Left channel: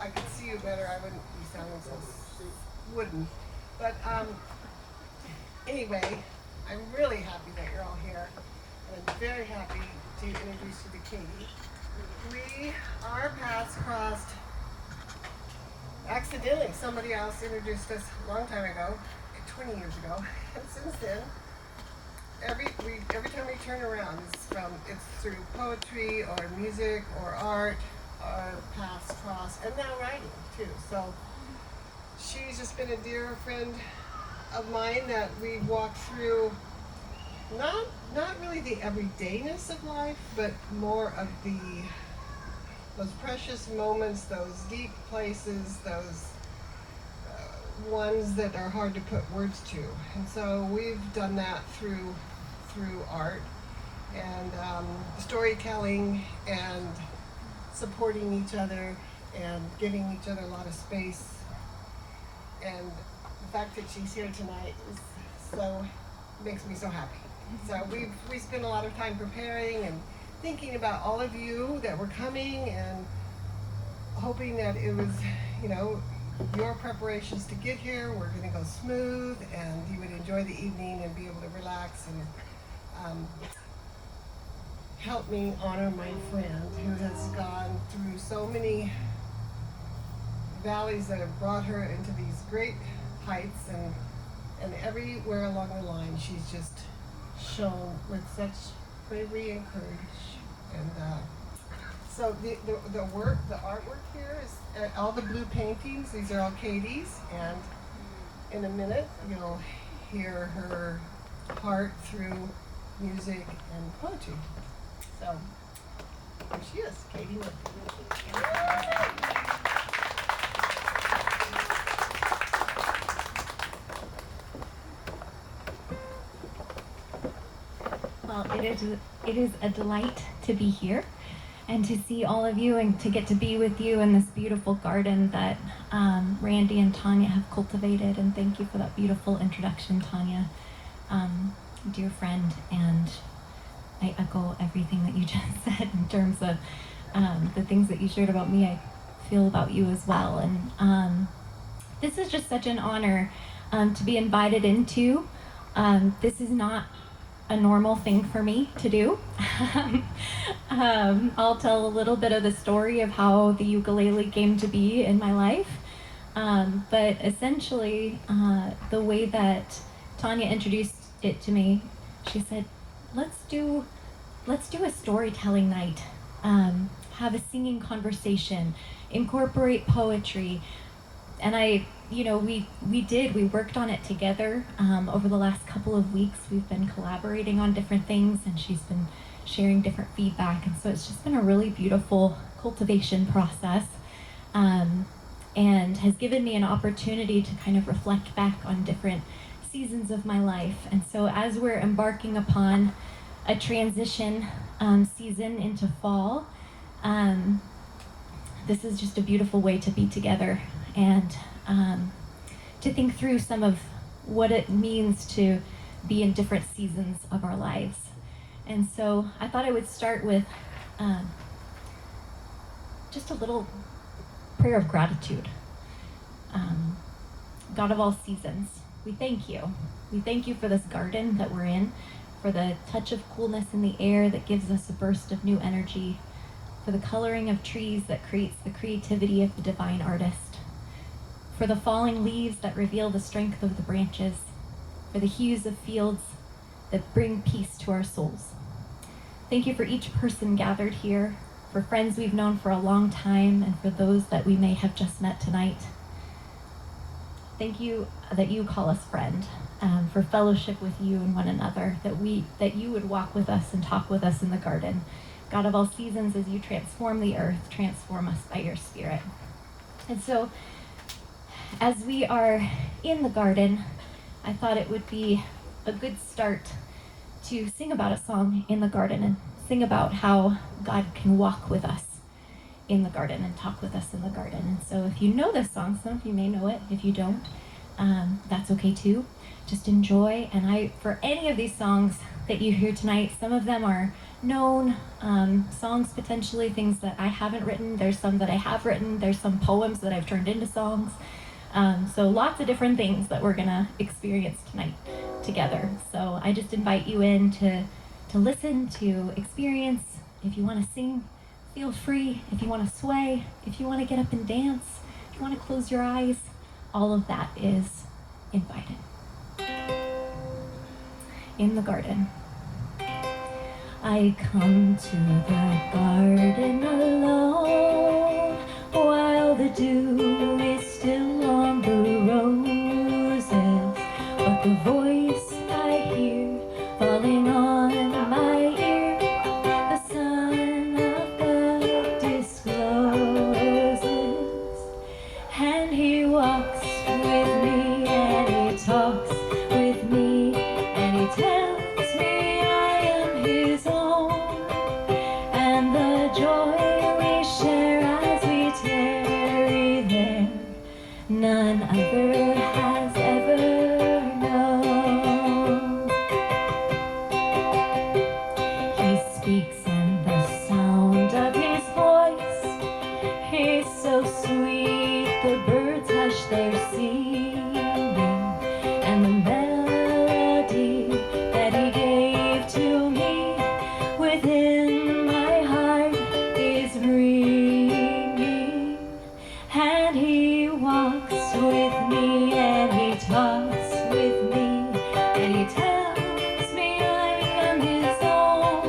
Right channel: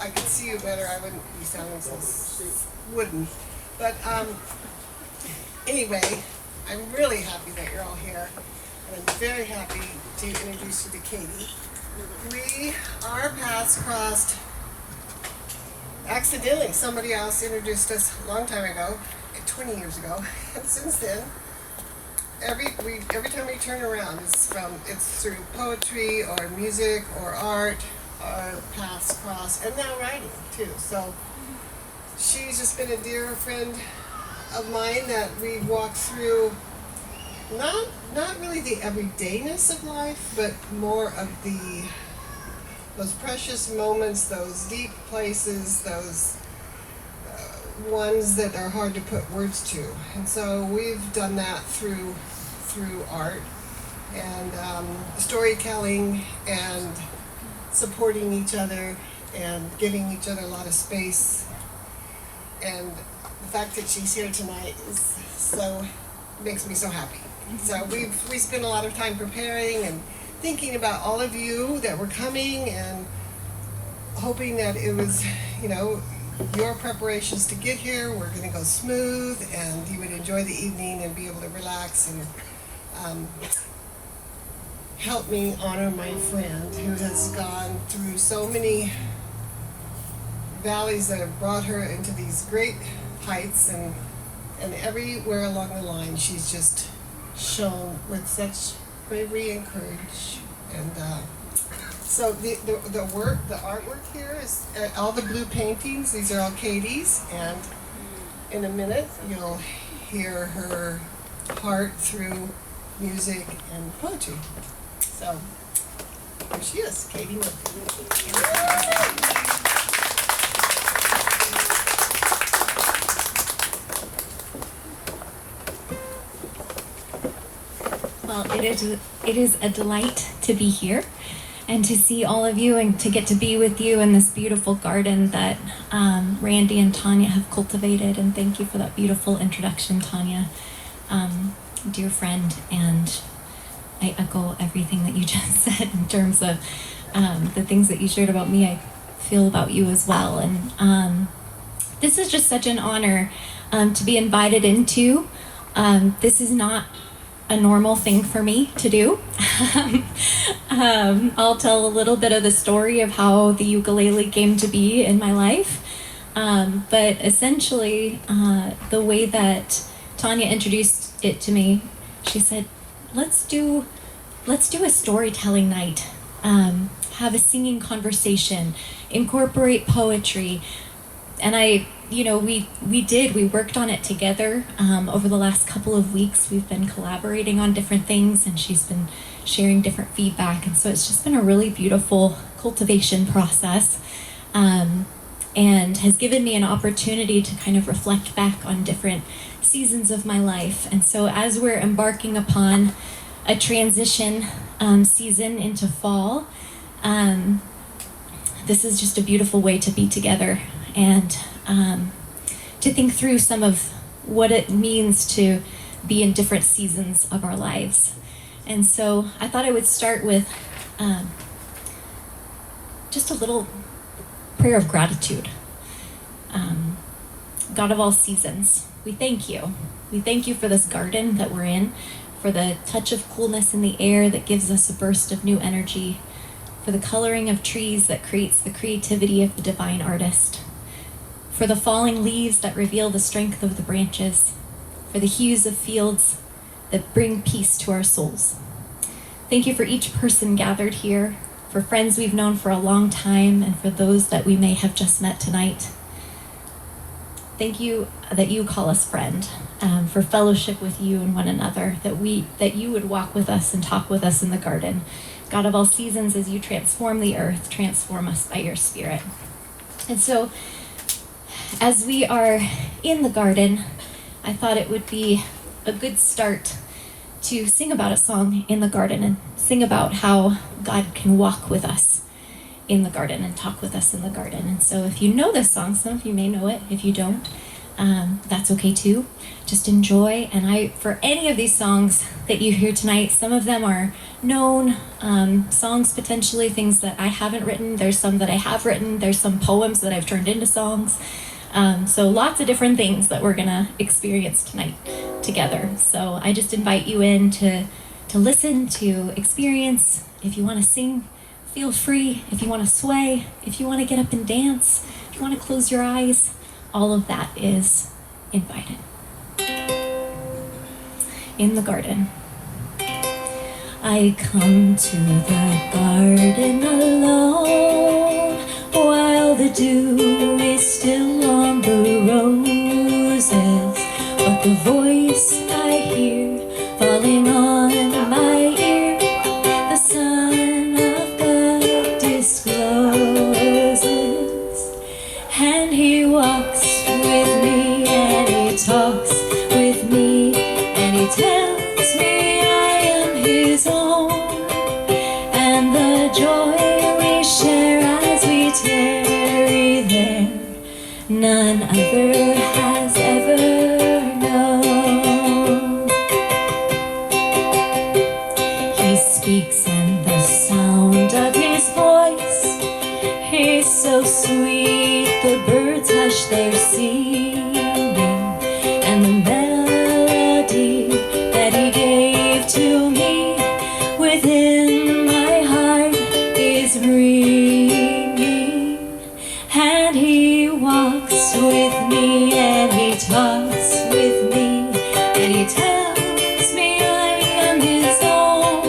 I could see you better, I wouldn't be sounding so wooden. But anyway, I'm really happy that you're all here. And I'm very happy to introduce you to Katie. Our paths crossed accidentally. Somebody else introduced us a long time ago, 20 years ago. And since then, every time we turn around, it's through poetry or music or art. Our paths cross, and now writing too. So she's just been a dear friend of mine that we walked through. Not really the everydayness of life, but more of those precious moments, those deep places, those ones that are hard to put words to. And so we've done that through art and storytelling and supporting each other and giving each other a lot of space. And the fact that she's here tonight makes me so happy. So we spent a lot of time preparing and thinking about all of you that were coming and hoping that it was, your preparations to get here were going to go smooth and you would enjoy the evening and be able to relax and help me honor my friend who has gone through so many valleys that have brought her into these great heights, and everywhere along the line she's just shown with such bravery and courage. And so the artwork here is all the blue paintings. These are all Katie's, and in a minute you'll hear her heart through music and poetry. So here she is, Katie Murphy. Well, it is a delight to be here and to see all of you and to get to be with you in this beautiful garden that Randy and Tanya have cultivated. And thank you for that beautiful introduction, Tanya, dear friend. And I echo everything that you just said in terms of the things that you shared about me. I feel about you as well. And this is just such an honor to be invited into. This is not a normal thing for me to do. I'll tell a little bit of the story of how the ukulele came to be in my life. But essentially, the way that Tanya introduced it to me, she said, let's do a storytelling night, have a singing conversation, incorporate poetry. And we worked on it together over the last couple of weeks. We've been collaborating on different things, and she's been sharing different feedback. And so it's just been a really beautiful cultivation process, and has given me an opportunity to kind of reflect back on different seasons of my life. And so as we're embarking upon a transition season into fall, this is just a beautiful way to be together and to think through some of what it means to be in different seasons of our lives. And so I thought I would start with just a little prayer of gratitude. God of all seasons, we thank you. We thank you for this garden that we're in, for the touch of coolness in the air that gives us a burst of new energy, for the coloring of trees that creates the creativity of the divine artist, for the falling leaves that reveal the strength of the branches, for the hues of fields that bring peace to our souls. Thank you for each person gathered here, for friends we've known for a long time, and for those that we may have just met tonight. Thank you that you call us friend, for fellowship with you and one another, that you would walk with us and talk with us in the garden. God of all seasons, as you transform the earth, transform us by your Spirit. And so, as we are in the garden, I thought it would be a good start to sing about a song in the garden and sing about how God can walk with us in the garden and talk with us in the garden. And so if you know this song, some of you may know it. If you don't, that's okay too. Just enjoy. And for any of these songs that you hear tonight, some of them are known songs, potentially things that I haven't written. There's some that I have written. There's some poems that I've turned into songs. So lots of different things that we're gonna experience tonight together. So I just invite you in to listen, to experience. If you want to sing, feel free. If you want to sway, if you want to get up and dance, if you want to close your eyes, all of that is invited. In the garden. I come to the garden alone while the dew is still on the roses, but the voice I hear falling on my ear, the Son of God discloses, and he walks with me and he talks with me and he tells me I am his own, and the joy we share as we tarry there, none other has ever known. He speaks and the sound of his voice is so sweet, the birds hush their singing, and the melody that he gave to me within my heart is ringing, and he walks with me and he talks with me and he tells me I am his own,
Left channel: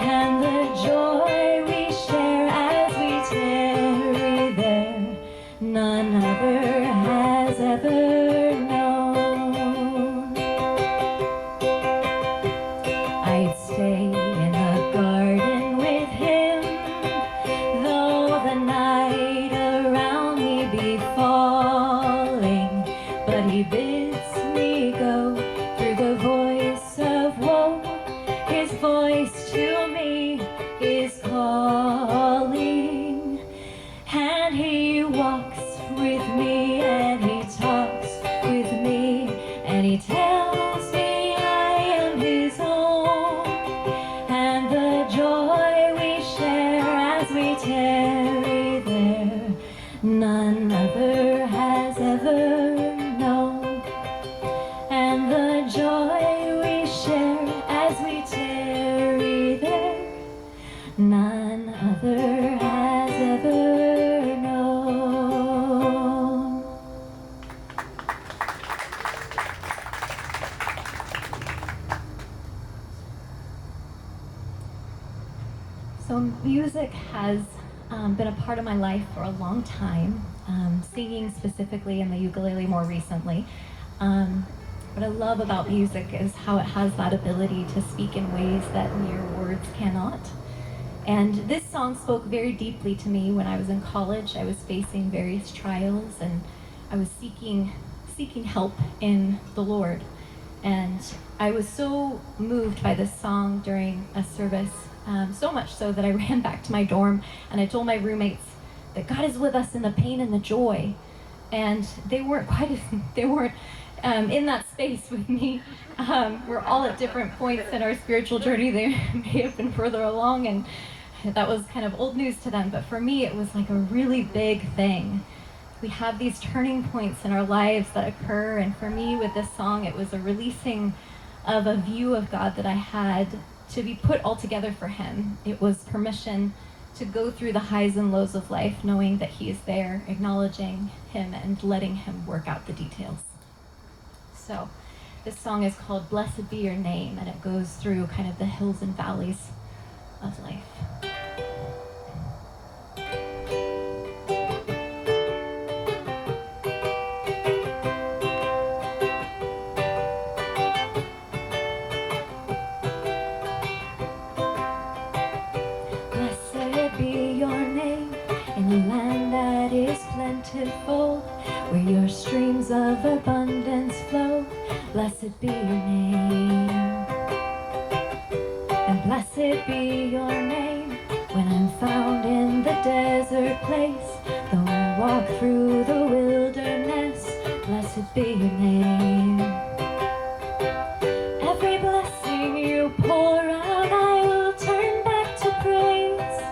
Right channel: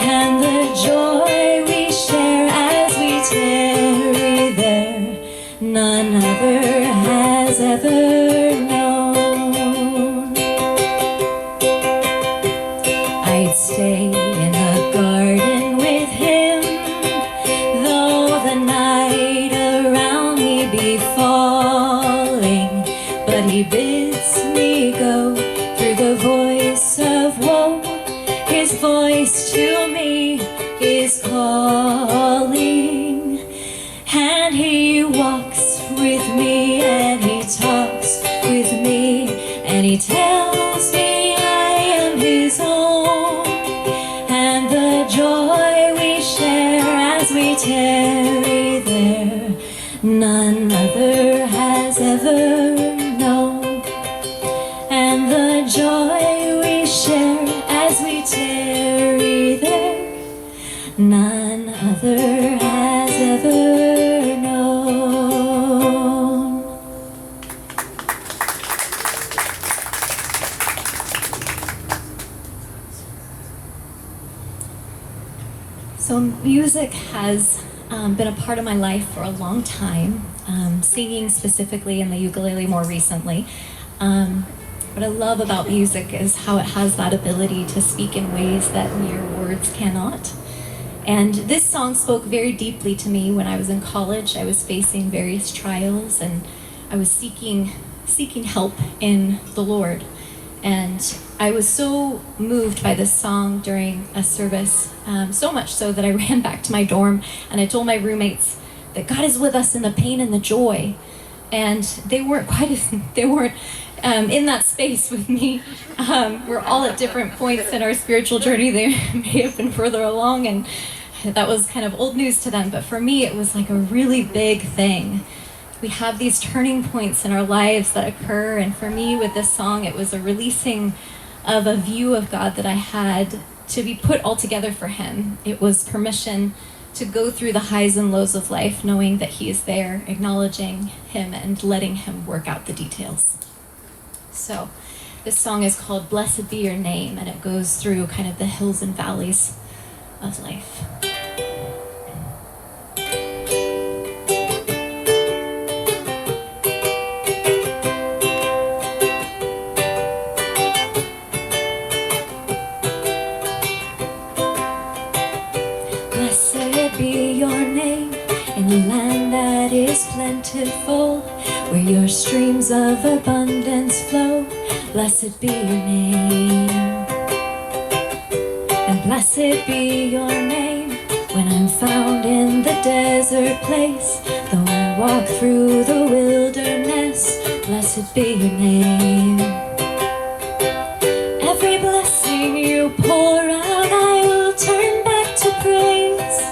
and the joy we share as we tarry there, none other has ever known. I'd stay in the garden with him, though the night around me be falling, but he bids me go through the voice of woe. His voice to me is calling, and he walks with me and he talks with me and he tells me I am his own, and the joy we share as we tarry there, none other has ever known, and the joy we share as we tarry there, none other has ever known. So music has been a part of my life for a long time, singing specifically in the ukulele more recently. What I love about music is how it has that ability to speak in ways that mere words cannot. And this song spoke very deeply to me when I was in college. I was facing various trials and I was seeking help in the Lord. And I was so moved by this song during a service, so much so that I ran back to my dorm and I told my roommates that God is with us in the pain and the joy. And they weren't in that space with me. We're all at different points in our spiritual journey. They may have been further along, and that was kind of old news to them. But for me, it was like a really big thing. We have these turning points in our lives that occur, and for me, with this song, it was a releasing of a view of God that I had to be put all together for Him. It was permission to go through the highs and lows of life, knowing that He is there, acknowledging Him, and letting Him work out the details. So this song is called Blessed Be Your Name, and it goes through kind of the hills and valleys of life. Blessed be your name in a land that is plentiful, where your streams of abundance flow. Blessed be your name. And blessed be your name when I'm found in the desert place. Though I walk through the wilderness, blessed blessed be your name. Every blessing you pour out, I will turn back to praise.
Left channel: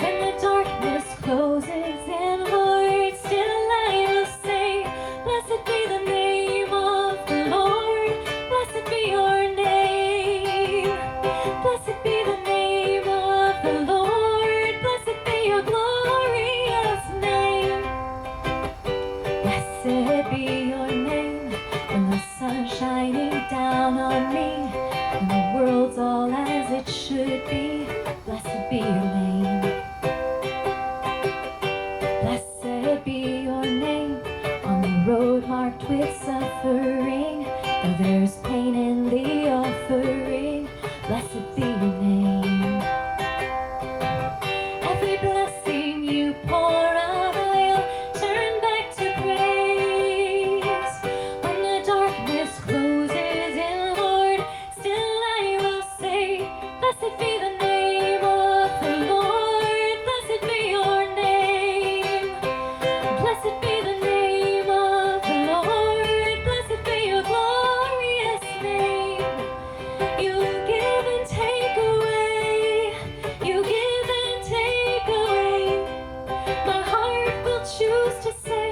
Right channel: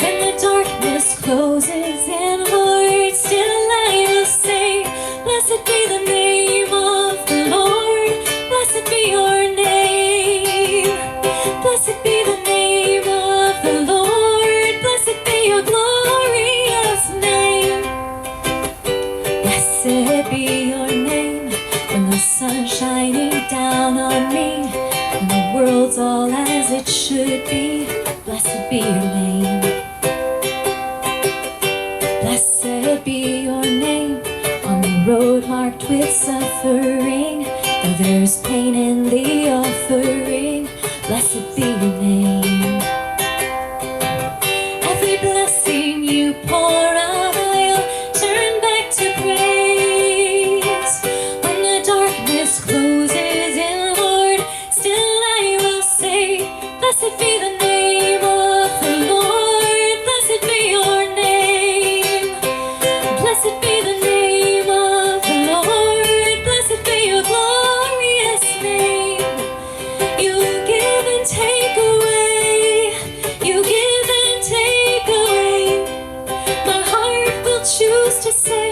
When the darkness closes in, Lord, still I will say, blessed be the name of the Lord, blessed be your name. Blessed be the name of the Lord, blessed be your glorious name. Blessed be your name when the sun's shining down on me, when the world's all as it should be. Blessed be your name. Blessed be your name on the road marked with suffering, though there's pain in the offering. Blessed be your name. Every blessing you pour out, I'll turn back to praise. When the darkness closes in, Lord, still I will say, blessed be the name of the Lord, blessed be your name. Blessed be the name of the Lord, blessed be your glorious name. You give and take away, you give and take away. My heart will choose to say,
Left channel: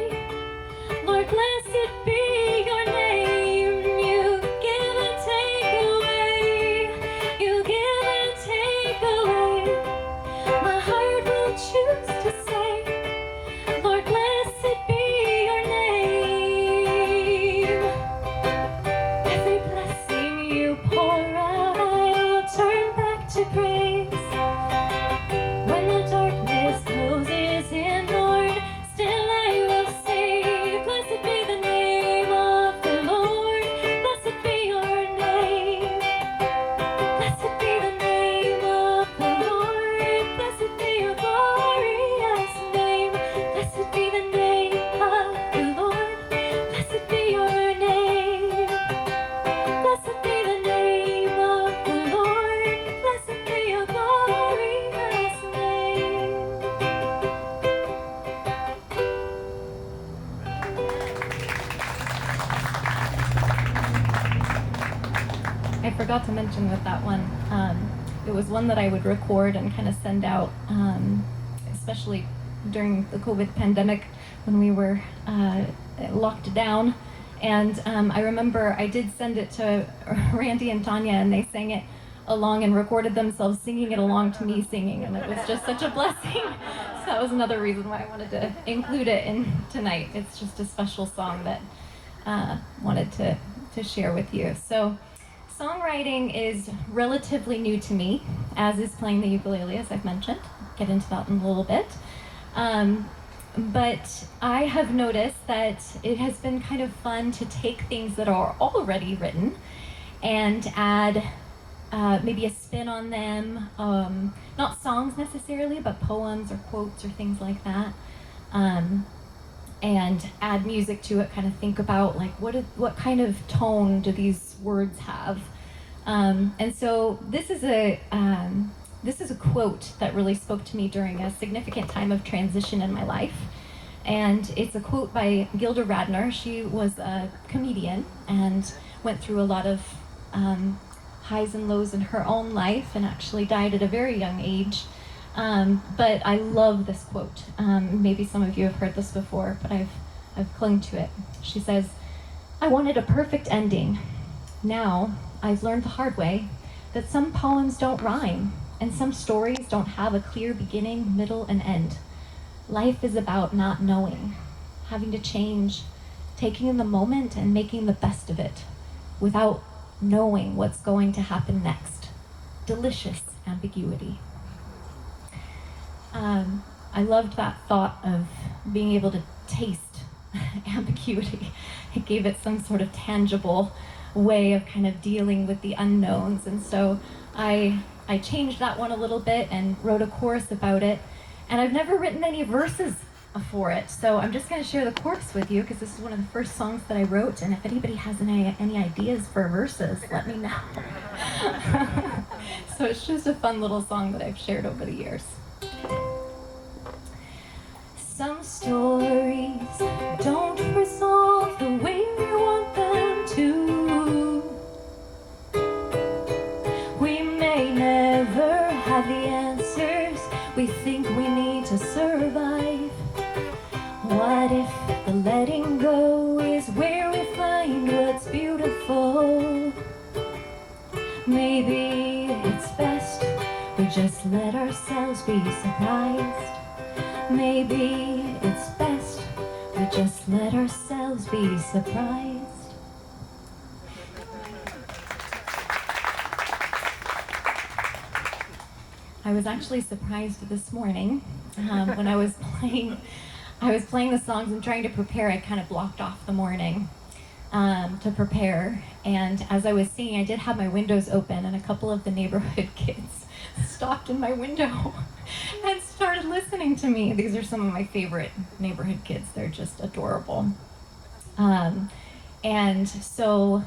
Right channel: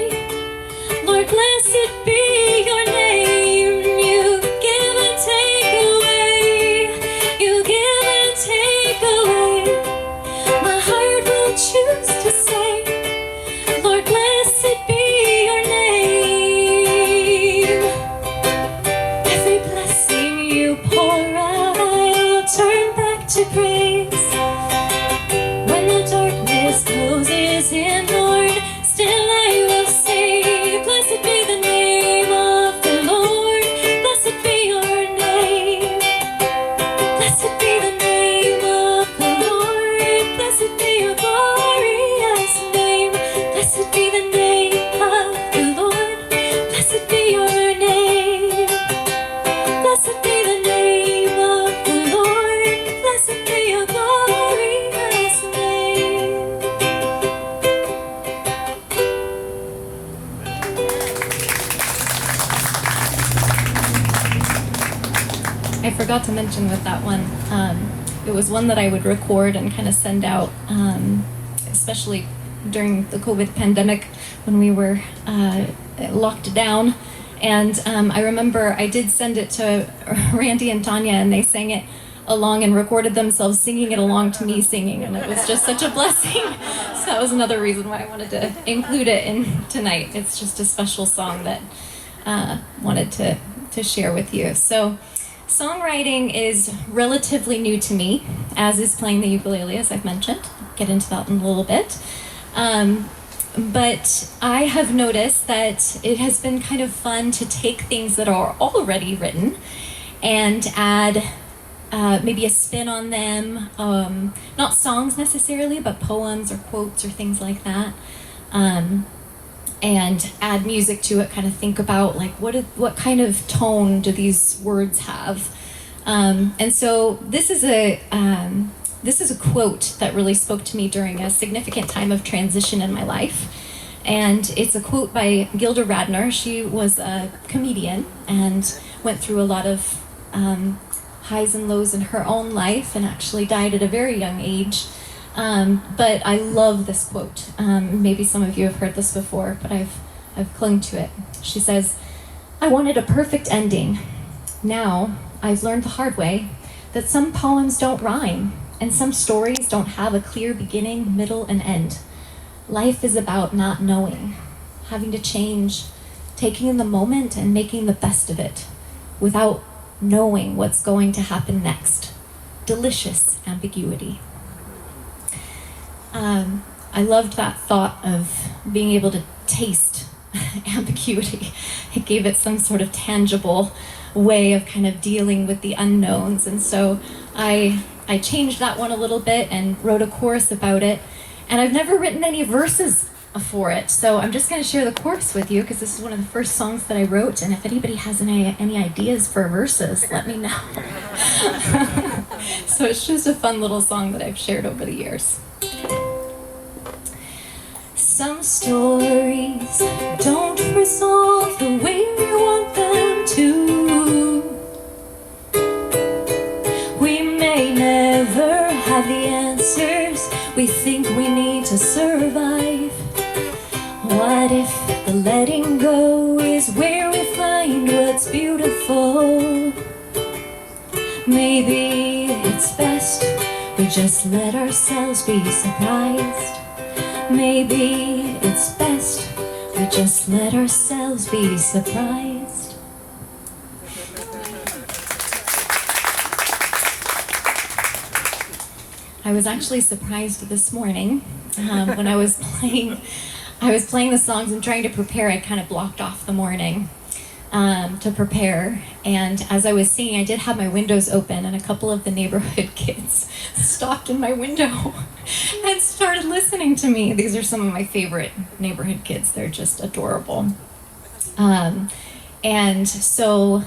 Lord, blessed be your name. You give and take away, you give and take away. My heart will choose to say, Lord, blessed be your name. Every blessing you pour out, I'll turn back to praise. When the darkness closes in, Lord, still I will say, blessed be the name of the Lord, blessed be your name. Blessed be the name of the Lord, blessed be your glorious name. Blessed be the name of the Lord, blessed be your name. Blessed be the name of the Lord, blessed be your glorious name. I forgot to mention with that one, it was one that I would record and kind of send out, especially during the COVID pandemic when we were locked down. And I remember I did send it to Randy and Tanya, and they sang it along and recorded themselves singing it along to me singing, and it was just such a blessing. So that was another reason why I wanted to include it in tonight. It's just a special song that wanted to share with you. So songwriting is relatively new to me, as is playing the ukulele, as I've mentioned. I'll get into that in a little bit. But I have noticed that it has been kind of fun to take things that are already written and add maybe a spin on them, not songs necessarily, but poems or quotes or things like that, and add music to it. Kind of think about like what kind of tone do these words have, and so this is a quote that really spoke to me during a significant time of transition in my life. And it's a quote by Gilda Radner. She was a comedian and went through a lot of highs and lows in her own life and actually died at a very young age. But I love this quote. Maybe some of you have heard this before, but I've clung to it. She says, "I wanted a perfect ending. Now I've learned the hard way that some poems don't rhyme and some stories don't have a clear beginning, middle, and end. Life is about not knowing, having to change, taking in the moment and making the best of it without knowing what's going to happen next. Delicious ambiguity." I loved that thought of being able to taste ambiguity. It gave it some sort of tangible way of kind of dealing with the unknowns. And so I changed that one a little bit and wrote a chorus about it. And I've never written any verses for it, so I'm just going to share the chorus with you because this is one of the first songs that I wrote, and if anybody has any ideas for verses, let me know. So it's just a fun little song that I've shared over the years. Some stories don't resolve the way we want them to. We may never have the answers we think we need to survive. What if the letting go is where we find what's beautiful? Maybe it's best we just let ourselves be surprised. Maybe it's best we just let ourselves be surprised. I was actually surprised this morning when I was playing the songs and trying to prepare. I kind of blocked off the morning to prepare, and as I was singing, I did have my windows open, and a couple of the neighborhood kids stopped in my window and started listening to me. These are some of my favorite neighborhood kids. They're just adorable. And so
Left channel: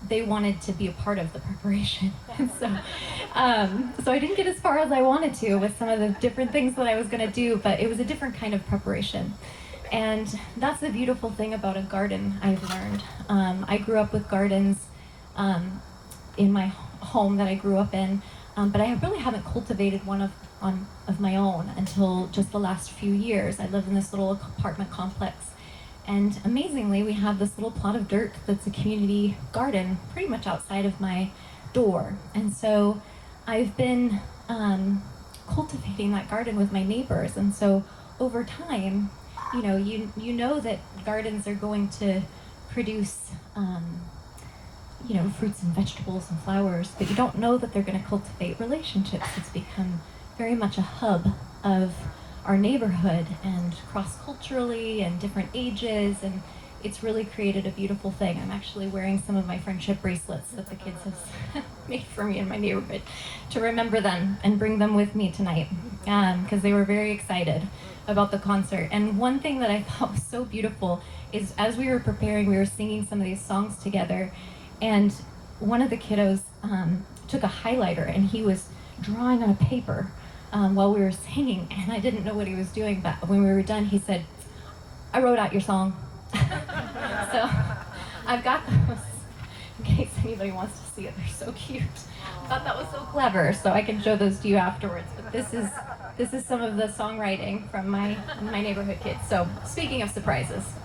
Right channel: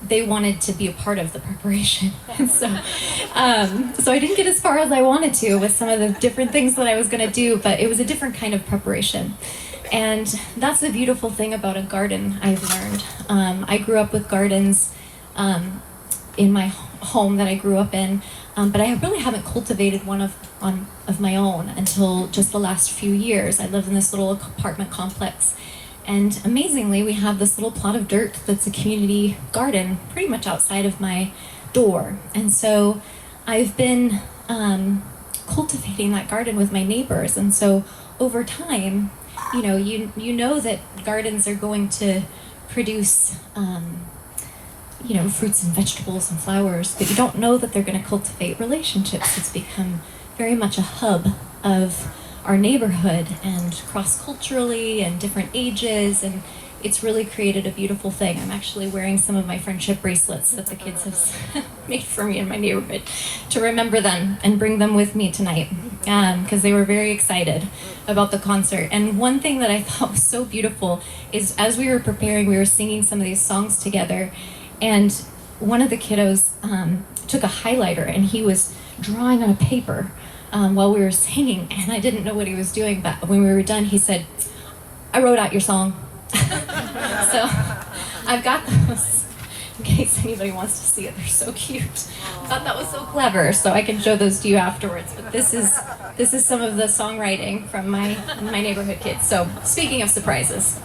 they wanted to be a part of the preparation. And so I didn't get as far as I wanted to with some of the different things that I was going to do, but it was a different kind of preparation. And that's the beautiful thing about a garden, I've learned. I grew up with gardens in my home that I grew up in, but I really haven't cultivated one of my own until just the last few years. I live in this little apartment complex, and amazingly, we have this little plot of dirt that's a community garden pretty much outside of my door. And so I've been cultivating that garden with my neighbors. And so over time, you know that gardens are going to produce fruits and vegetables and flowers, but you don't know that they're going to cultivate relationships. It's become very much a hub of our neighborhood, and cross-culturally and different ages, and it's really created a beautiful thing. I'm actually wearing some of my friendship bracelets that the kids have made for me in my neighborhood to remember them and bring them with me tonight, because they were very excited about the concert. And one thing that I thought was so beautiful is as we were preparing, we were singing some of these songs together, and one of the kiddos took a highlighter and he was drawing on a paper while we were singing, and I didn't know what he was doing, but when we were done, he said, "I wrote out your song." So I've got those in case anybody wants to see it. They're so cute. I thought that was so clever, so I can show those to you afterwards. But this is some of the songwriting from my neighborhood kids. So speaking of surprises,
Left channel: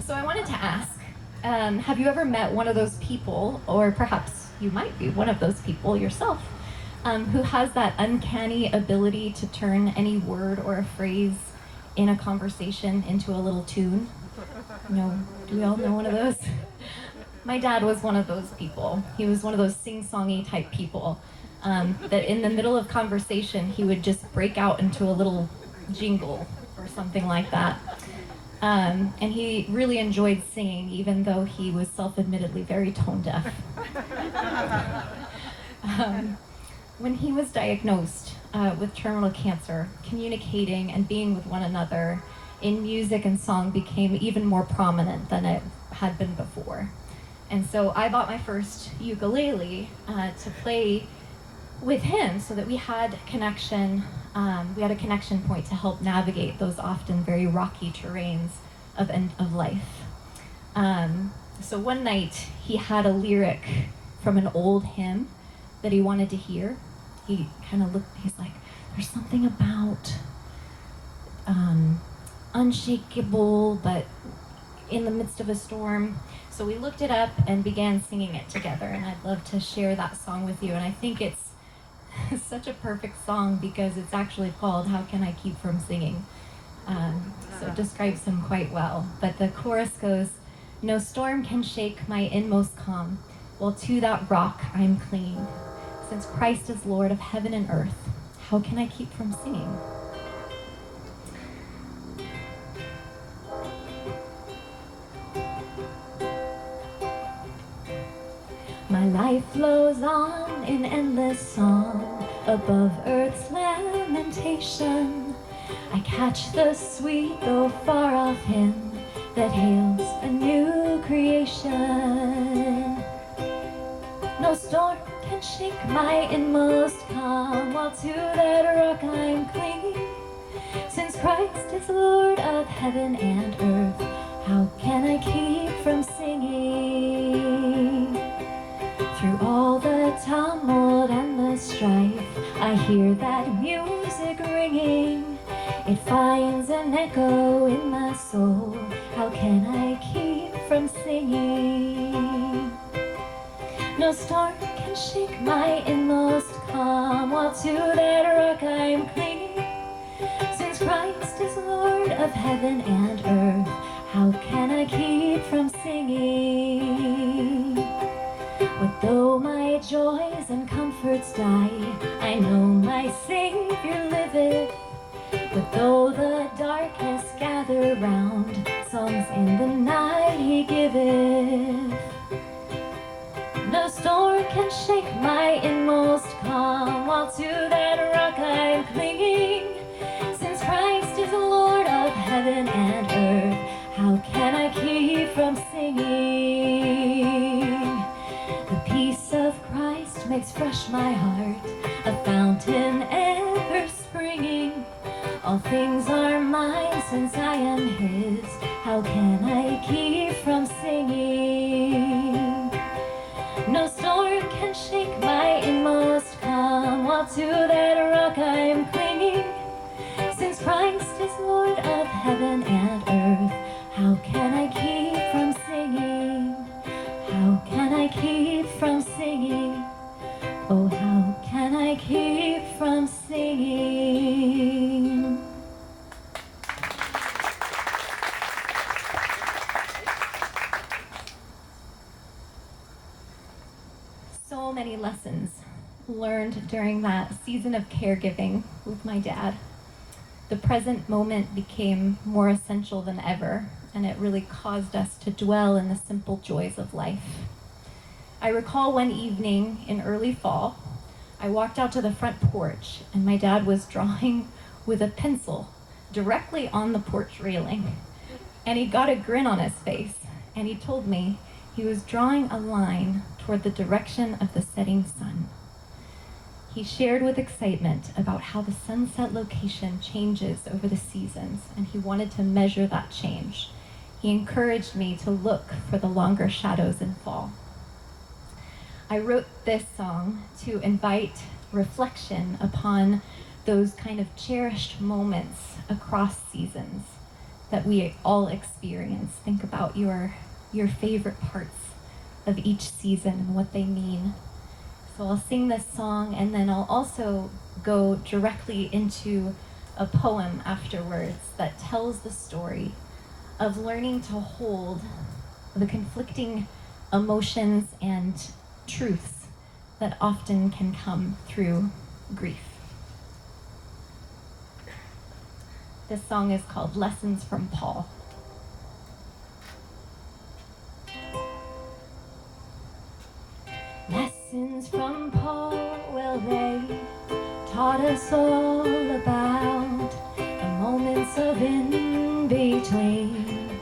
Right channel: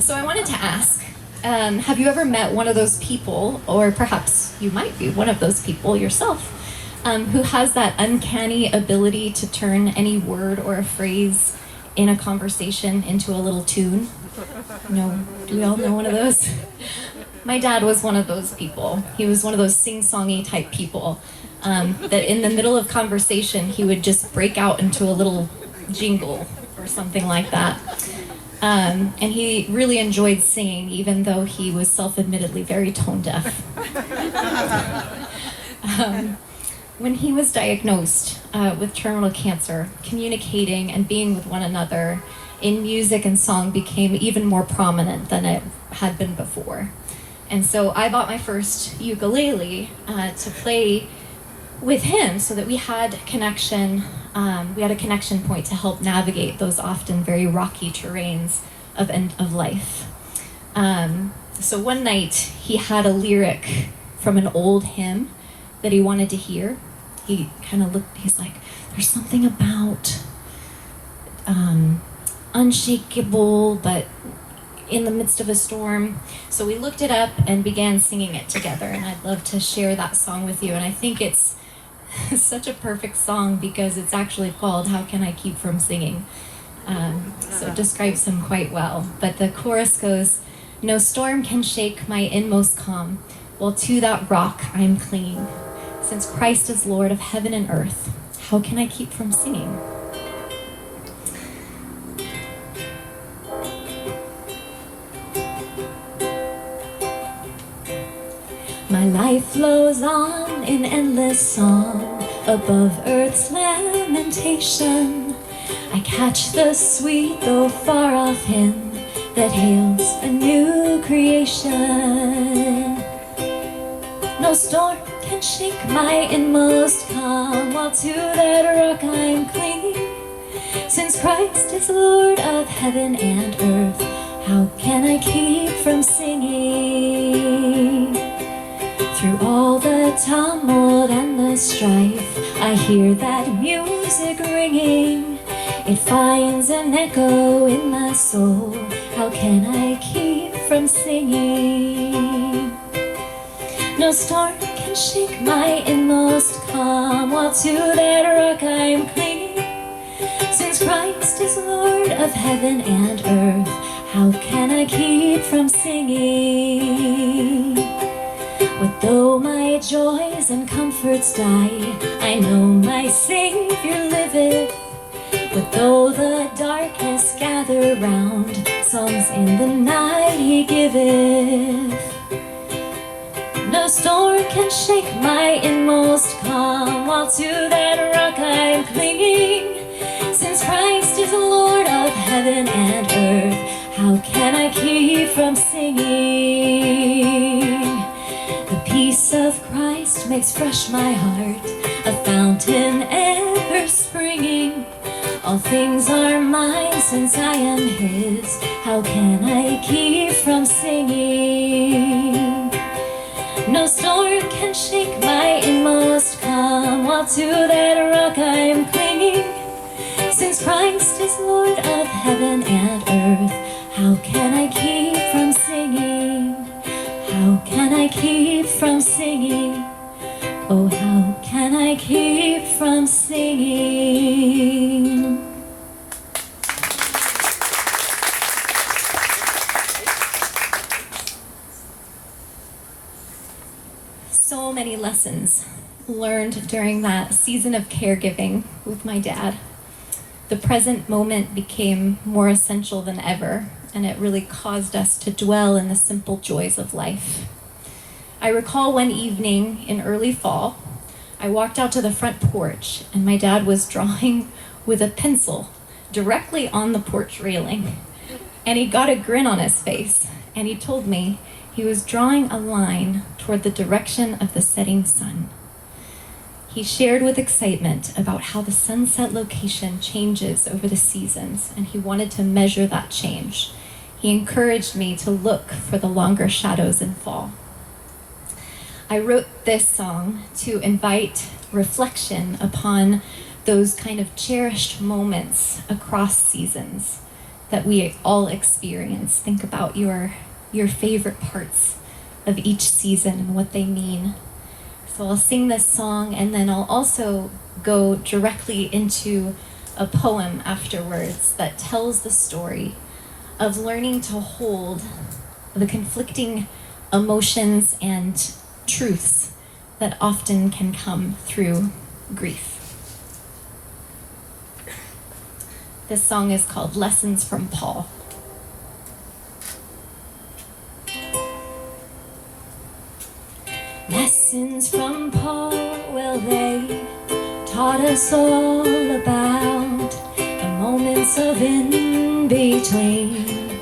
so I wanted to ask, have you ever met one of those people, or perhaps you might be one of those people yourself, who has that uncanny ability to turn any word or a phrase in a conversation into a little tune? Do we all know one of those? My dad was one of those people. He was one of those sing-songy type people that in the middle of conversation, he would just break out into a little jingle or something like that. And he really enjoyed singing, even though he was self-admittedly very tone deaf. When he was diagnosed with terminal cancer, communicating and being with one another in music and song became even more prominent than it had been before. And so I bought my first ukulele to play with him so that we had a connection. We had a connection point to help navigate those often very rocky terrains of end of life. So one night he had a lyric from an old hymn that he wanted to hear. He kind of looked, he's like, there's something about unshakable, but in the midst of a storm. So we looked it up and began singing it together, and I'd love to share that song with you. And I think it's such a perfect song because it's actually called How Can I Keep From Singing? So it describes him quite well. But the chorus goes, "No storm can shake my inmost calm, while to that rock I'm clinging. Since Christ is Lord of heaven and earth, how can I keep from singing?" My life flows on in endless song above earth's lamentation. I catch the sweet though far off hymn that hails a new creation. No No storm can shake my inmost calm, while to that rock I'm clinging. Since Christ is Lord of heaven and earth, how can I keep from singing? Through all the tumult and the strife, I hear that music ringing. It finds an echo in my soul. How can I keep from singing? No storm can shake my inmost calm, while to that rock I'm clinging. Since Christ is Lord of heaven and earth, how can I keep from singing? What though my joys and comforts die, I know my Savior liveth. What though the darkness gather round, songs in the night he giveth. No storm can shake my inmost calm, while to that rock I'm clinging. Since Christ is Lord of heaven and earth, how can I keep from singing? The peace of Christ makes fresh my heart, a fountain ever springing. All things are mine since I am his, how can I keep from singing? No storm can shake my inmost calm, while to that rock I'm clinging. Since Christ is Lord of heaven and earth, how can I keep from singing? How can I keep from singing? Oh, how can I keep from singing? So many lessons learned during that season of caregiving with my dad. The present moment became more essential than ever, and it really caused us to dwell in the simple joys of life. I recall one evening in early fall, I walked out to the front porch, and my dad was drawing with a pencil directly on the porch railing. And he got a grin on his face, and he told me he was drawing a line toward the direction of the setting sun. He shared with excitement about how the sunset location changes over the seasons, and he wanted to measure that change. He encouraged me to look for the longer shadows in fall. I wrote this song to invite reflection upon those kind of cherished moments across seasons that we all experience. Think about your favorite parts of each season and what they mean. So I'll sing this song, and then I'll also go directly into a poem afterwards that tells the story of learning to hold the conflicting emotions and truths that often can come through grief. This song is called Lessons from Paul. Lessons from Paul, well, they taught us all about the moments of in-between,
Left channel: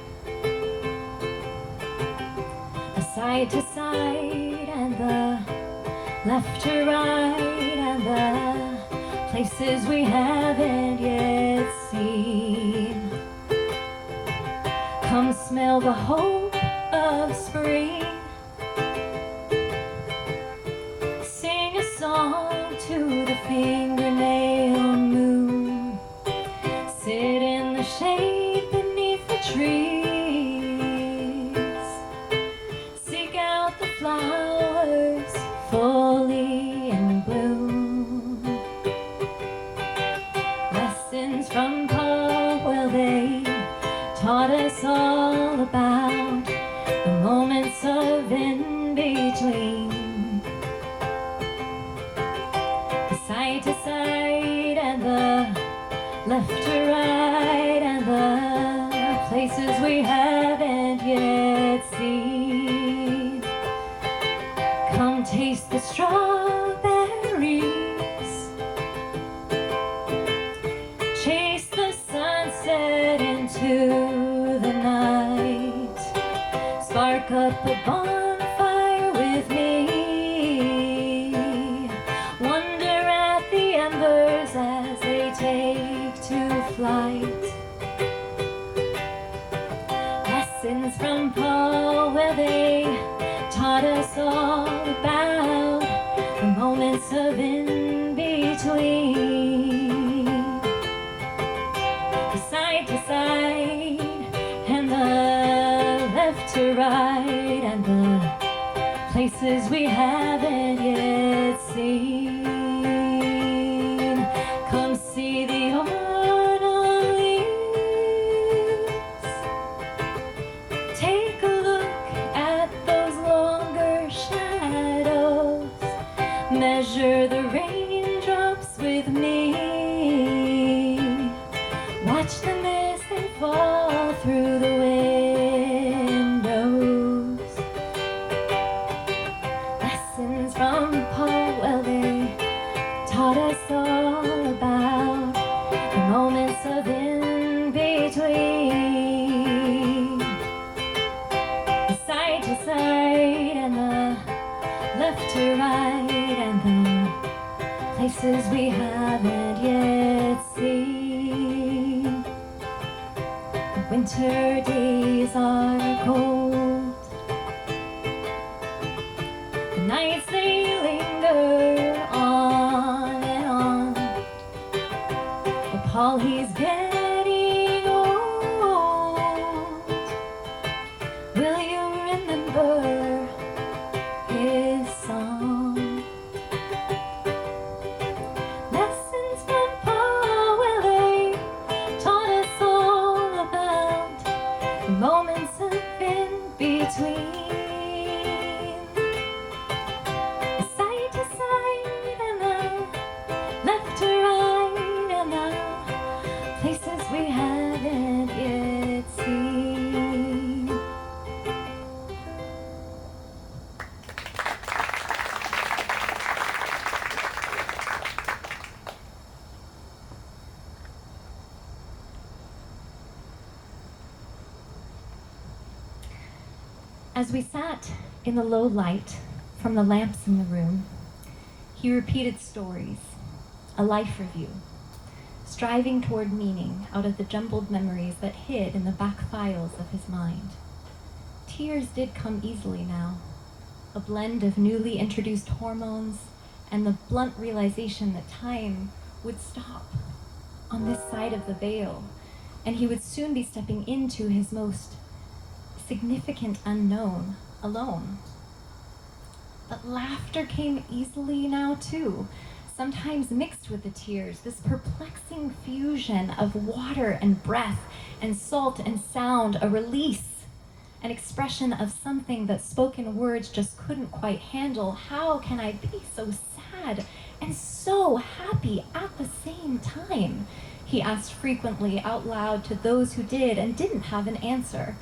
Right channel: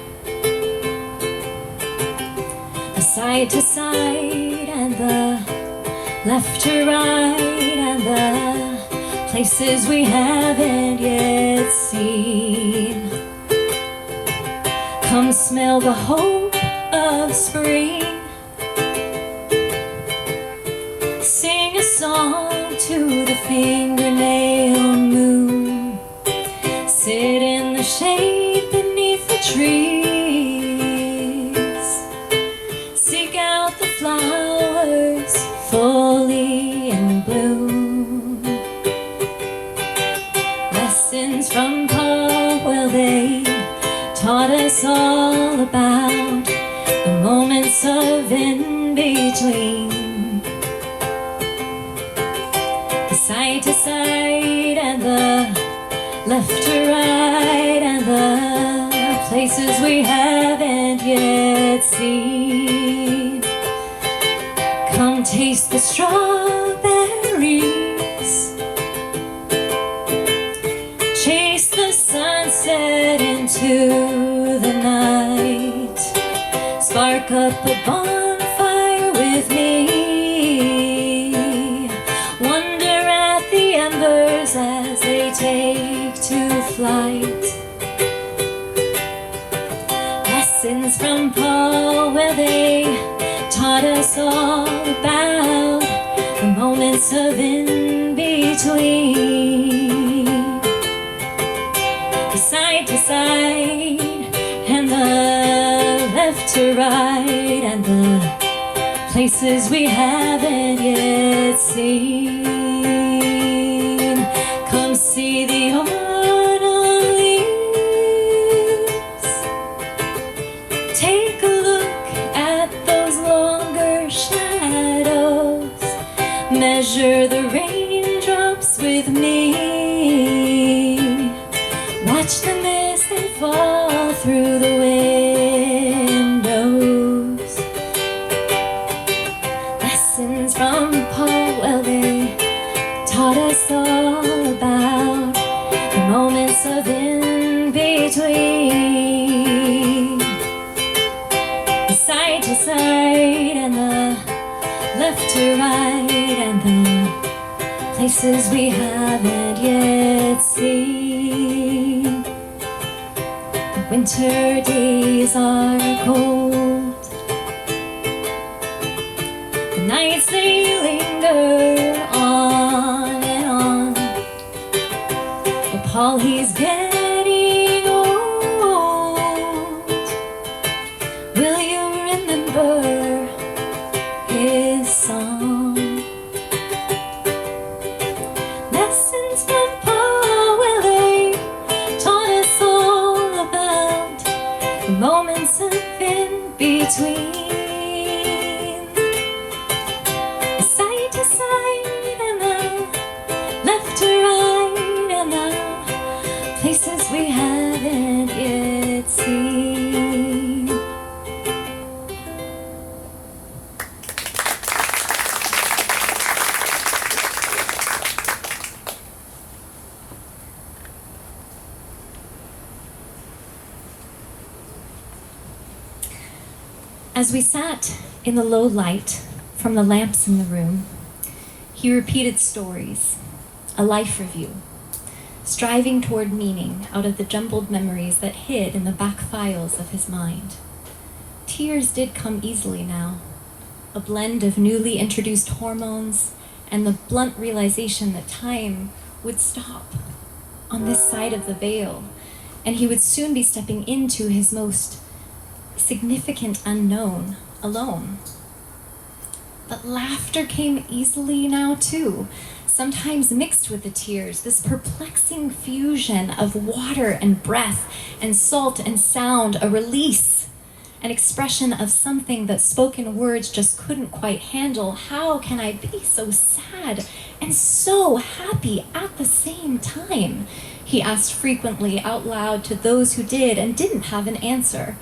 the side to side and the left to right, and the places we haven't yet seen. Come smell the hope of spring, sing a song to the fingernail moon, sit in the shade beneath the trees, seek out the flowers fully in bloom. Lessons from Paul, well, they taught us all about the moments of in-between, the side to side and the left to right, and the places we haven't yet seen. Come taste the strawberries, chase the sunset into the night, spark up a bonfire with me, from Paul, where they taught us all about the moments of in between, the side to side and the left to right, and the places we haven't yet seen. Come see the autumn leaves. Take a look at those longer shadows. Measure the raindrops with me. Watch them as they fall through the windows. Lessons from Paul, well, they taught us all about the moments of in between, the side to side and the left to right, and the places we haven't yet seen. The winter days are cold, the nights they linger on and on. But Paul, he's getting old. Will you remember his song? Lessons from Paul, well, they taught us all about the moments of in between, the side to side and the left to right, and the places we haven't yet seen. As we sat in the low light from the lamps in the room, he repeated stories, a life review, striving toward meaning out of the jumbled memories that hid in the back files of his mind. Tears did come easily now, a blend of newly introduced hormones and the blunt realization that time would stop on this side of the veil, and he would soon be stepping into his most significant unknown alone. But laughter came easily now too, sometimes mixed with the tears, this perplexing fusion of water and breath and salt and sound, a release, an expression of something that spoken words just couldn't quite handle. How can I be so sad and so happy at the same time? He asked frequently out loud to those who did and didn't have an answer.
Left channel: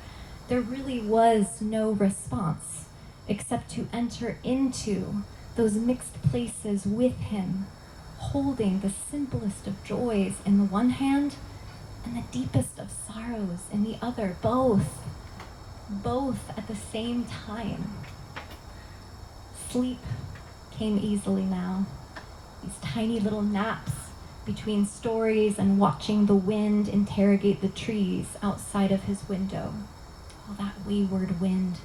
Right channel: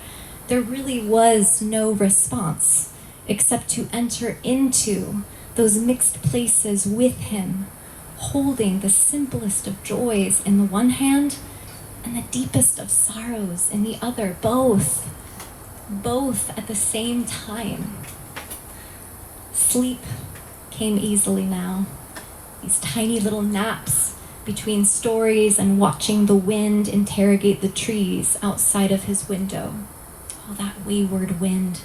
There really was no response except to enter into those mixed places with him, holding the simplest of joys in the one hand and the deepest of sorrows in the other, both at the same time. Sleep came easily now, these tiny little naps between stories and watching the wind interrogate the trees outside of his window. Oh, that wayward wind.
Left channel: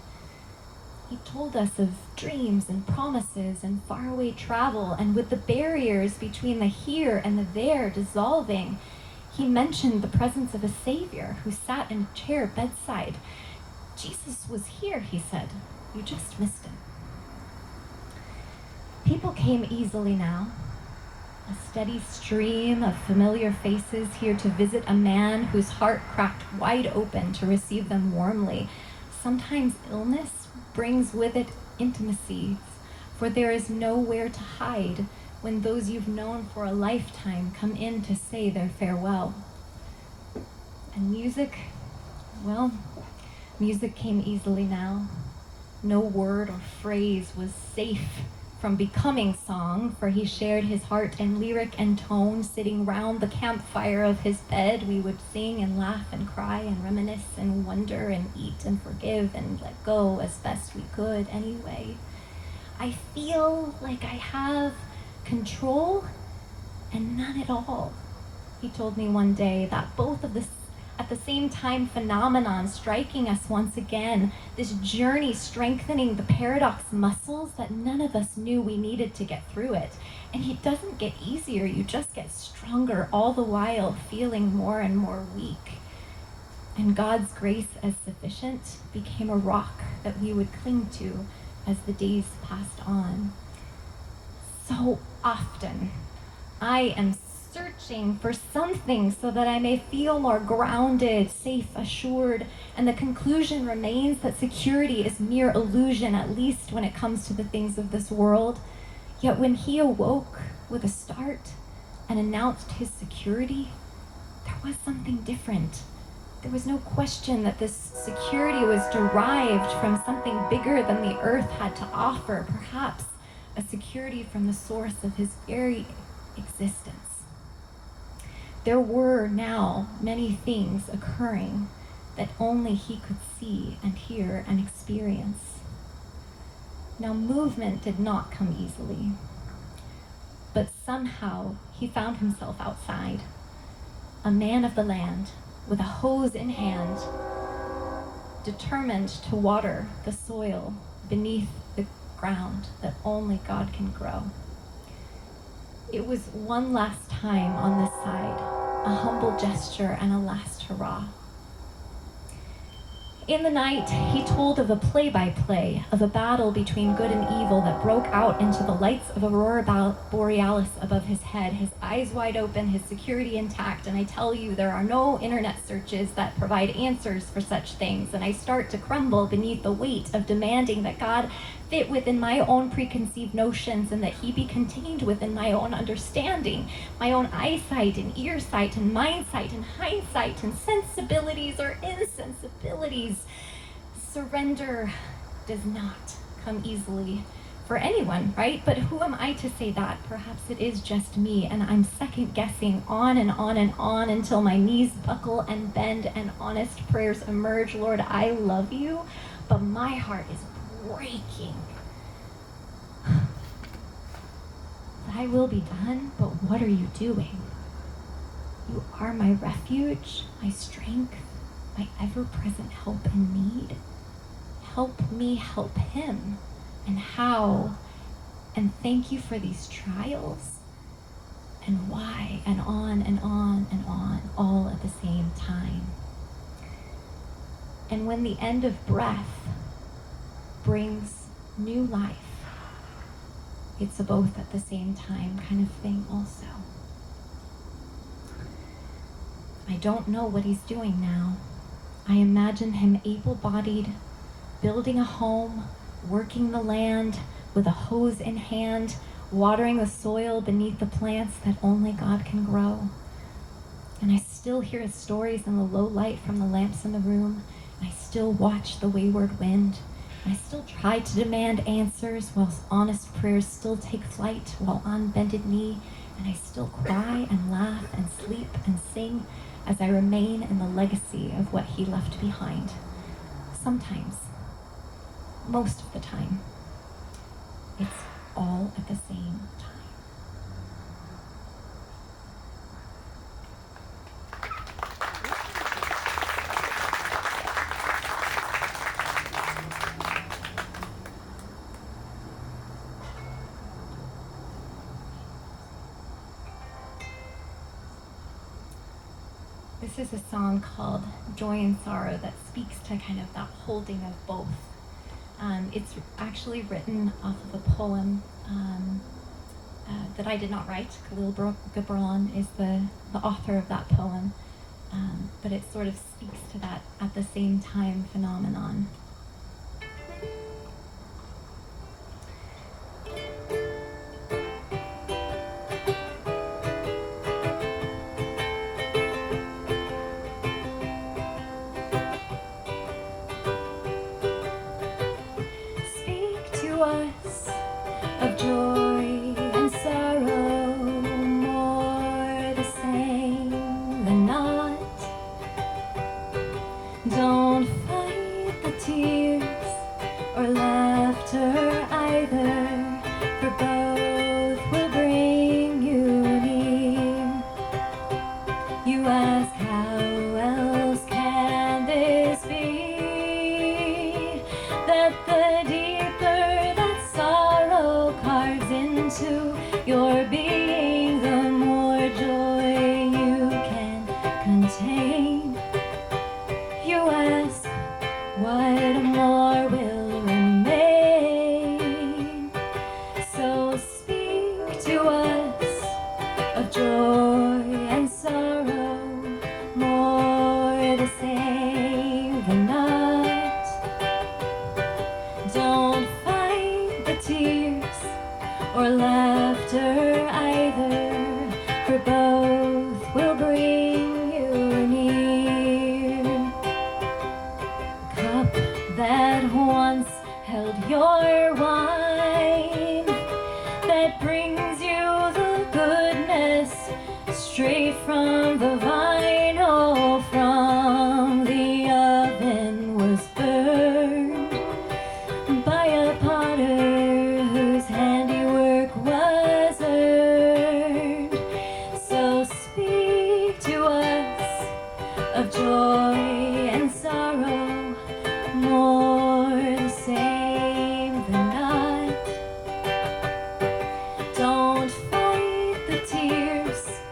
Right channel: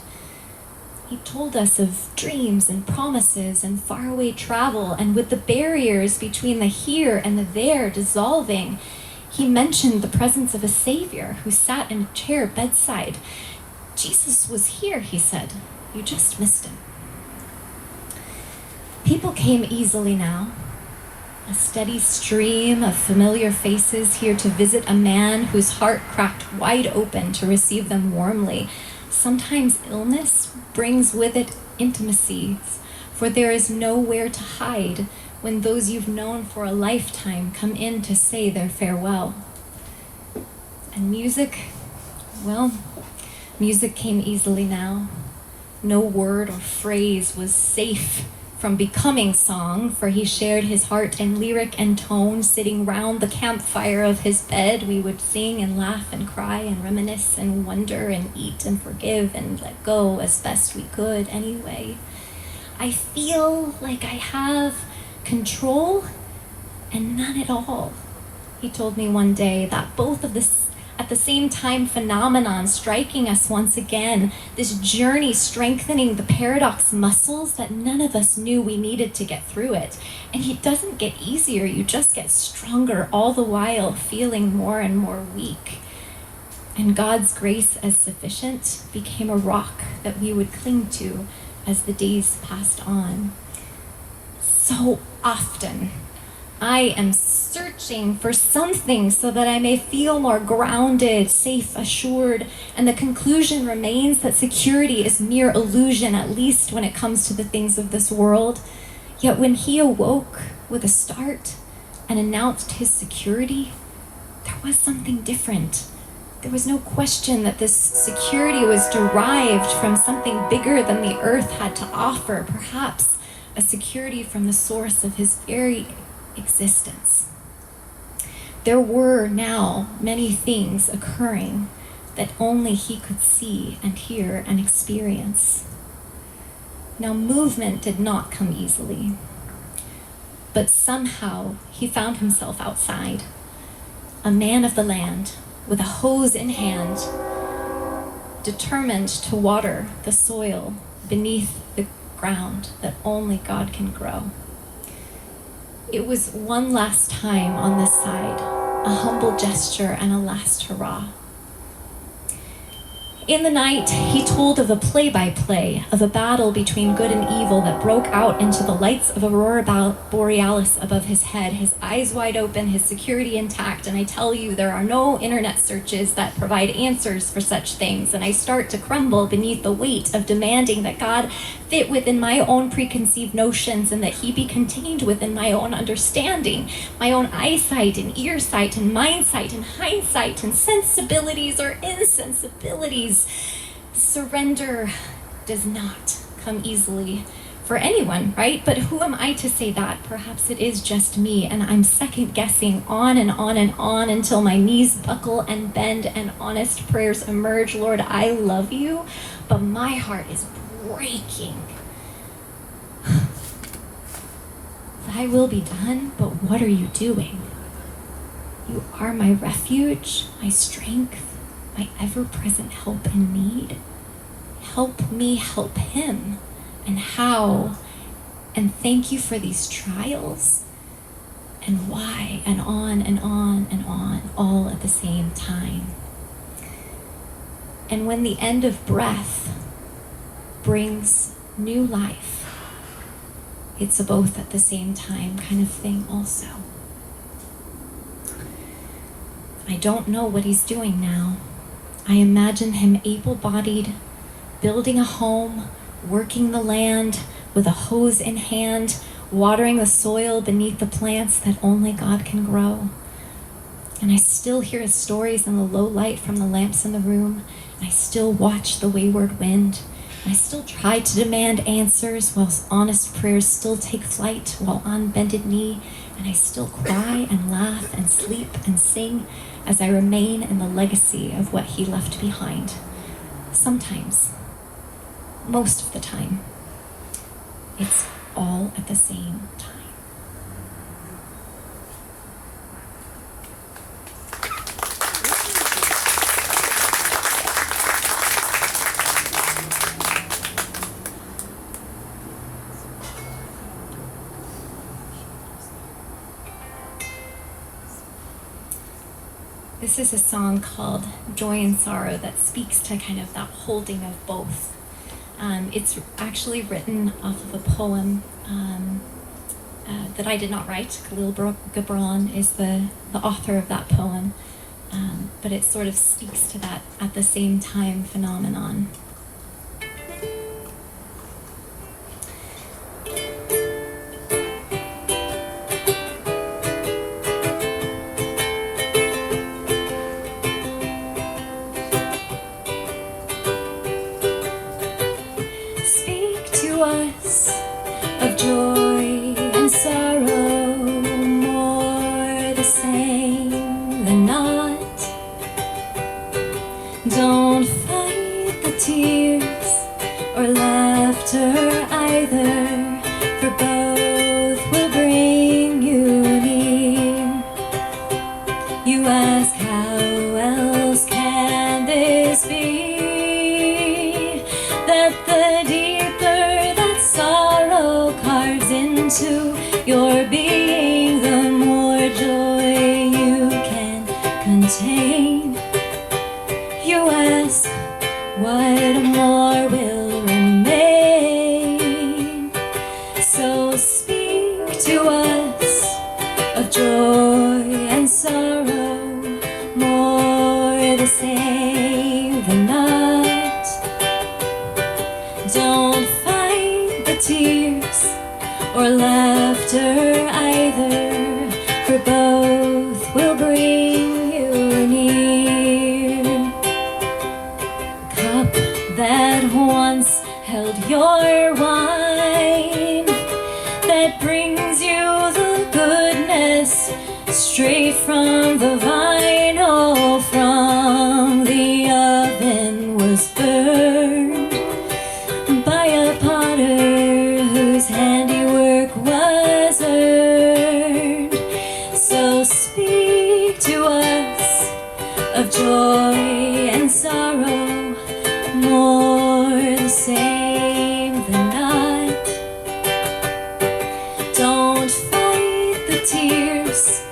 He told us of dreams and promises and faraway travel, and with the barriers between the here and the there dissolving, he mentioned the presence of a Savior who sat in a chair bedside. Jesus was here, he said. You just missed him. People came easily now, a steady stream of familiar faces here to visit a man whose heart cracked wide open to receive them warmly. Sometimes illness brings with it intimacies, for there is nowhere to hide when those you've known for a lifetime come in to say their farewell. And music, well, music came easily now. No word or phrase was safe from becoming song, for he shared his heart in lyric and tone. Sitting round the campfire of his bed, we would sing and laugh and cry and reminisce and wonder and eat and forgive and let go as best we could anyway. I feel like I have control and none at all. He told me one day that both of at the same time phenomenon striking us once again, this journey strengthening the paradox muscles that none of us knew we needed to get through it. And it doesn't get easier, you just get stronger, all the while feeling more and more weak. And God's grace as sufficient became a rock that we would cling to as the days passed on. So often, I am searching for something so that I may feel more grounded, safe, assured, and the conclusion remains that security is mere illusion, at least when it comes to the things of this world. Yet when he awoke with a start and announced his security, there was something different. There was no question that this security was derived from something bigger than the earth had to offer, perhaps a security from the source of his very existence. There were now many things occurring that only he could see and hear and experience. Now, movement did not come easily, but somehow he found himself outside, a man of the land, with a hose in hand, determined to water the soil beneath the ground that only God can grow. It was one last time on this side, a humble gesture and a last hurrah. In the night, he told of a play-by-play of a battle between good and evil that broke out into the lights of Aurora Borealis above his head, his eyes wide open, his security intact. And I tell you, there are no internet searches that provide answers for such things. And I start to crumble beneath the weight of demanding that God fit within my own preconceived notions and that he be contained within my own understanding, my own eyesight and earsight and mindsight and hindsight and sensibilities or insensibilities. Surrender does not come easily for anyone, right? But who am I to say that? Perhaps it is just me, and I'm second guessing on and on and on until my knees buckle and bend and honest prayers emerge. Lord, I love you, but my heart is breaking. Thy will be done, but what are you doing? You are my refuge, my strength, my ever-present help in need. Help me help him. And how? And thank you for these trials. And why? And on and on and on, all at the same time. And when the end of breath brings new life, it's a both at the same time kind of thing also. I don't know what he's doing now. I imagine him able-bodied, building a home, working the land with a hose in hand, watering the soil beneath the plants that only God can grow. And I still hear his stories in the low light from the lamps in the room. And I still watch the wayward wind. And I still try to demand answers while honest prayers still take flight while on bended knee. And I still cry and laugh and sleep and sing as I remain in the legacy of what he left behind. Sometimes, most of the time, it's all at the same time. This is a song called Joy and Sorrow that speaks to kind of that holding of both. It's actually written off of a poem that I did not write. Khalil Gibran is the author of that poem, but it sort of speaks to that at the same time phenomenon. Us of joy and sorrow, more the same than not. Don't fight the tears or laughter either, for both will bring you near. You ask how else that the deeper that sorrow carves into your being, the more joy you can contain. You ask, what more will remain? So speak to us of joy and sorrow, more the same than not. Don't fight the tears or laughter either, for both will bring you near. Cup that once held your wine, that brings you the goodness straight from the vine. Oh, from the oven was burned by a potter whose handiwork was earned. So speak to us of joy and sorrow, more the same than not. Don't fight the tears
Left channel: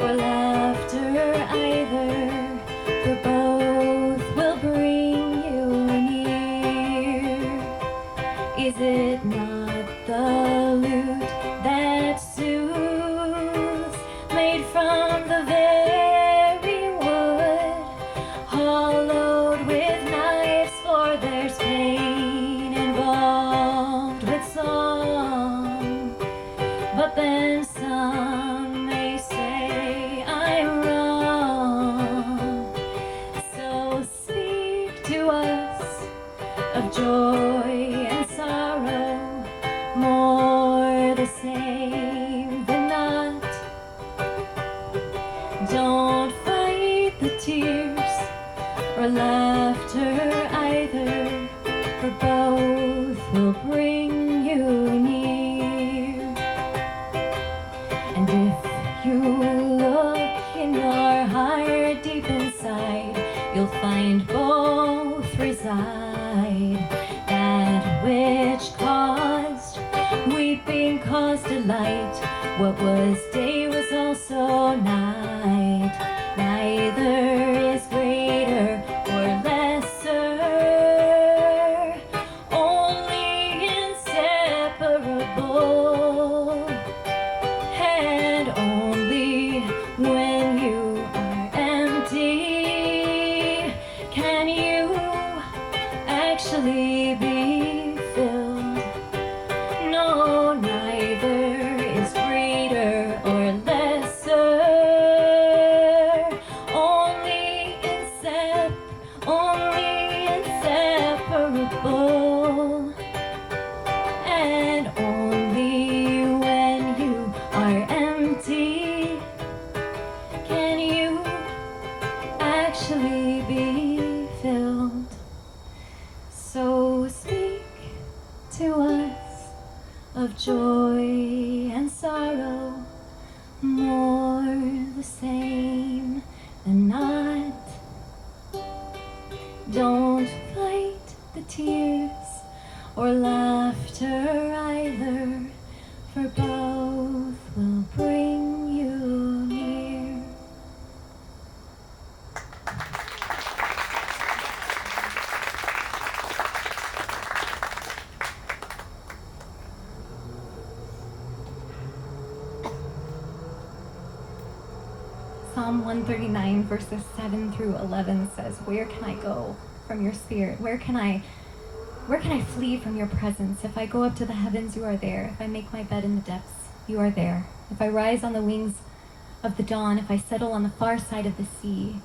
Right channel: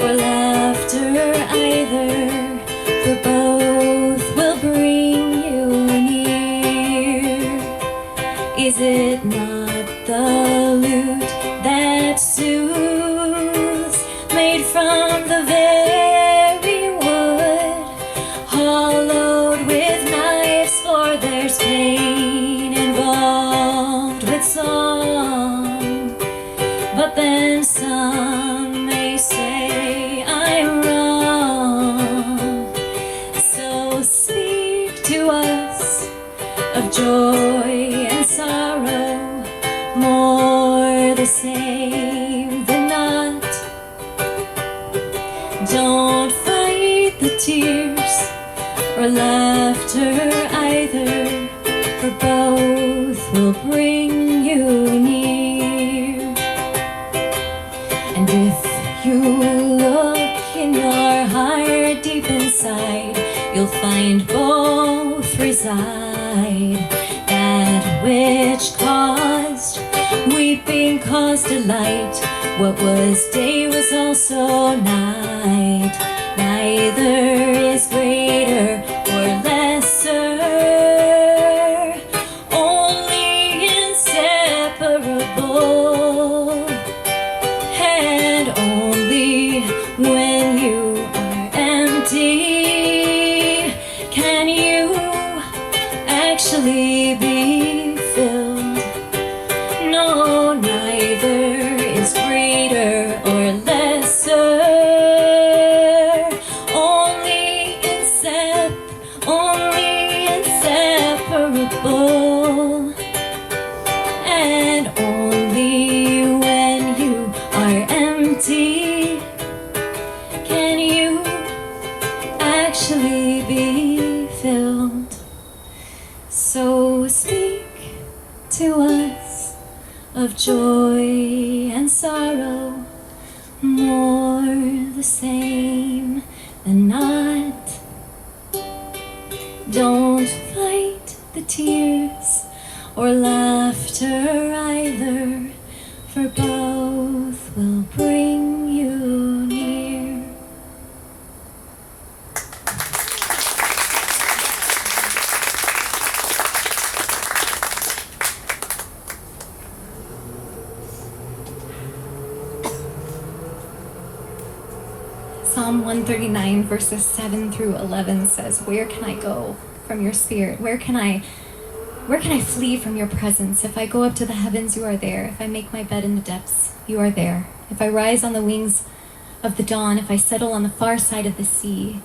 or laughter either, for both will bring you near. Is it not the lute that soothes, made from the very wood, hollowed with knives, for there's pain involved with song? But then some may say I'm wrong. So speak to us of joy and sorrow, more the same than not. Don't fight the tears or laughter either, for both will bring you near. And if you look in your heart deep inside, you'll find both reside. That which caused weeping caused delight. What was day was also night. Neither is greater or lesser, only inseparable. And only when you are empty can you actually be filled. No, neither is greater or lesser, only inseparable. And only when you are empty can you actually be filled. So speak to us of joy and sorrow, more the same than not. Don't fight the tears or laughter either, for both will bring you near. Psalm 139 verses 7 through 11 says, "Where can I go from your spirit? Where can I flee from your presence? If I go up to the heavens, you are there. If I make my bed in the depths, you are there. If I rise on the wings of the dawn, if I settle on the far side of the sea,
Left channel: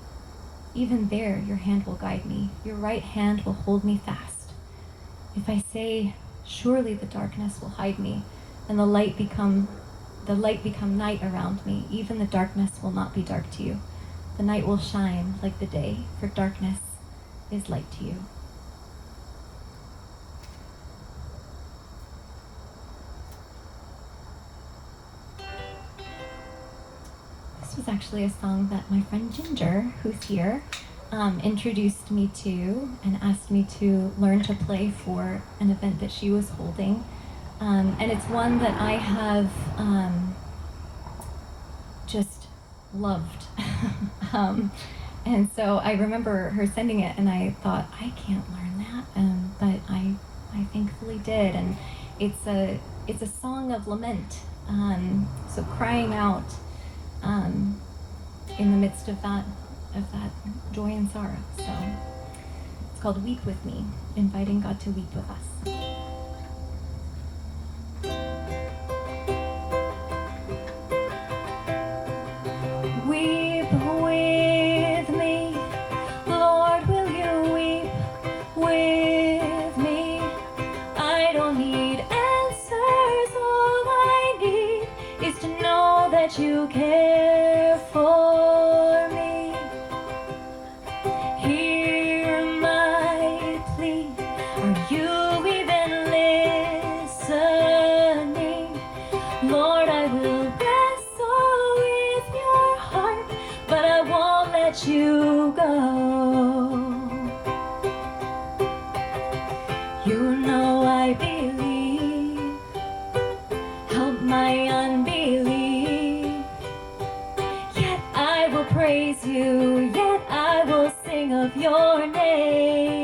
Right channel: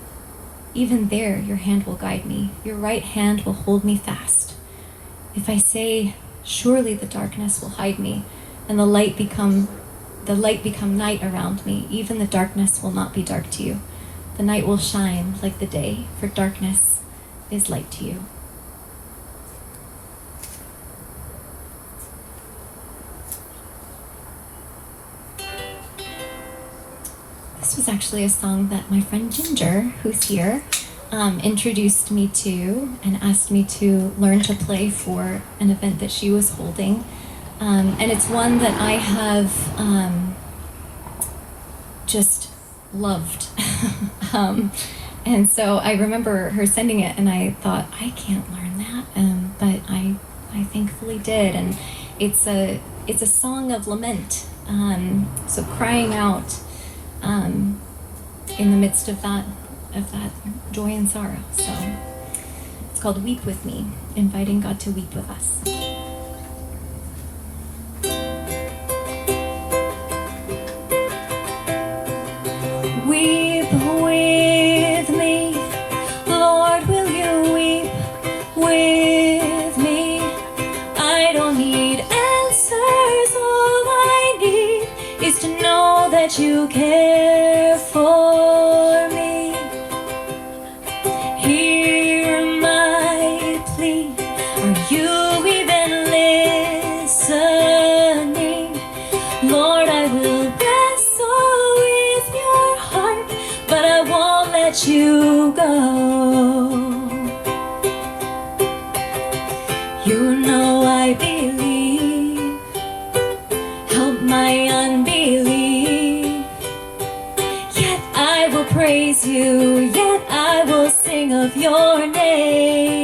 even there your hand will guide me. Your right hand will hold me fast. If I say, surely the darkness will hide me, and the light become night around me, even the darkness will not be dark to you. The night will shine like the day, for darkness is light to you." This was actually a song that my friend Ginger, who's here, introduced me to and asked me to learn to play for an event that she was holding. And it's one that I have just loved. And so I remember her sending it, and I thought, I can't learn that, but I thankfully did. And it's a song of lament, so crying out in the midst of that joy and sorrow. So it's called "Weep with Me," inviting God to weep with us. Weep with me, Lord, will you weep with me? I don't need answers, all I need is to know that you care for me. Hear my plea, are you even listening? Lord, I will wrestle with your heart, but I won't let you go. You know I believe, help my unbelief. Yet I will praise you, yet I will sing of your name.